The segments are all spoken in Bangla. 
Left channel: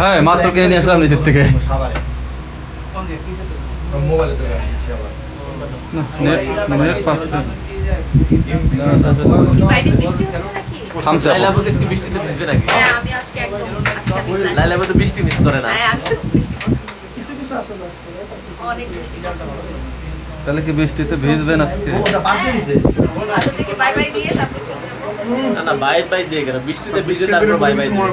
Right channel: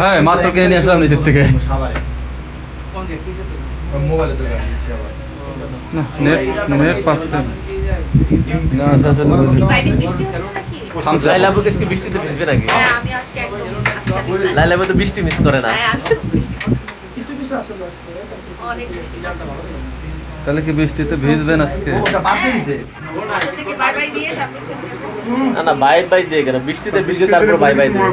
হ্যাঁ মাত্র কিনে নিয়ে আসলাম নিজের থেকে। নেট নেট পাচ্ছে না। বৃষ্টিতে ভিজবে নাকি? লাইলা তো বৃষ্টি মিস করে না। তাহলে কি বৃষ্টিতে ভিজবেন আজকে? না না বাই বাই দিয়ে কেন, বৃষ্টিতে ভিজে তারপর বাই বাই দিয়ে।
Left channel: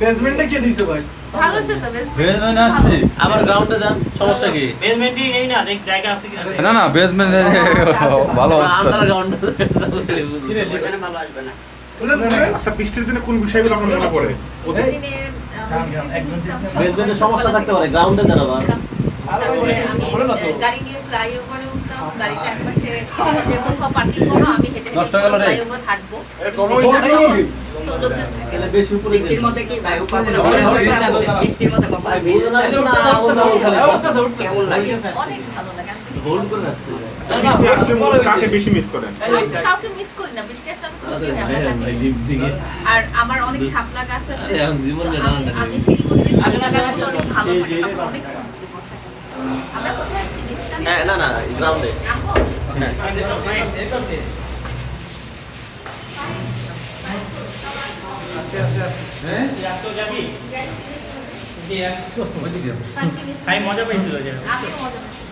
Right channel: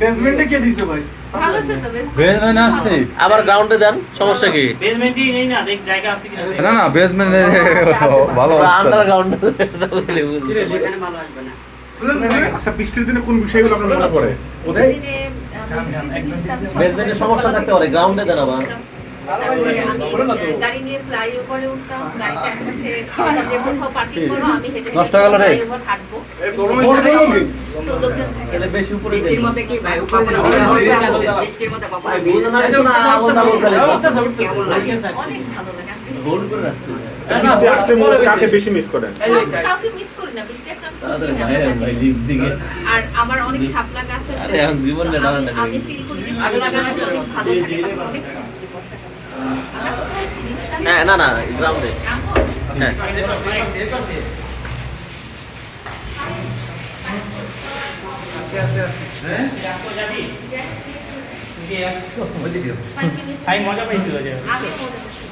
বেসমেন্টে কে দিছে ভাই? ভালো আছে তো বেসমেন্ট আসছে। আবার গ্রাউন্ডে দেন, সমস্যা কি? বেসমেন্টই নেই না, দেখ জায়গা আছে কিনা। না না বেসমেন্ট ভালো আন্ডারগ্রাউন্ড এখানে ভালো আসবে না। আচ্ছা বৃষ্টির দিনে কোন বিষয়গুলো আপনার মনে পড়ে? বেসমেন্টে সমস্যা থাকতে পারে, গ্রাউন্ডে দেন আবার। তারপরে আমি গাড়ি নিয়ে ফ্লাইওভারে উঠতাম, গাড়িটা একপাশে কোথাও পার্কিং করো, আমি হেঁটে নষ্ট হয়ে গেল রে। ফ্লাইওভার হাঁটবো। তো লোকজন থাকে। এলে বেশি উপরে বৃষ্টির মধ্যে কি ভাই কখনো বৃষ্টির মধ্যে কখনো কেমন লাগে? অনেক ভালো লাগে। আমি বৃষ্টি ভুল করে রাখছি। বৃষ্টি আসলে মূলত কাকে বেশি মিস করেন? কাউকে মিস করি না, বৃষ্টি আসলে আমি খুশি আরে হই, ভাই আমার ভাই কাছে দিক দিকে। আর আমার অনেক শাপলা গাছ আছে। আরে আমি জীবনে তো দাঁড়ান না। আমি ফিল করি যে শাপলা গাছগুলো অনেক ভালো থাকে, আমার অনেক ফুল বর্ষাকালে। আমরা কোথায় আছি? হ্যাঁ না না গ্রাউন্ডে। খাই মজা পাইছিল যে। আমিও মজা পাচ্ছি।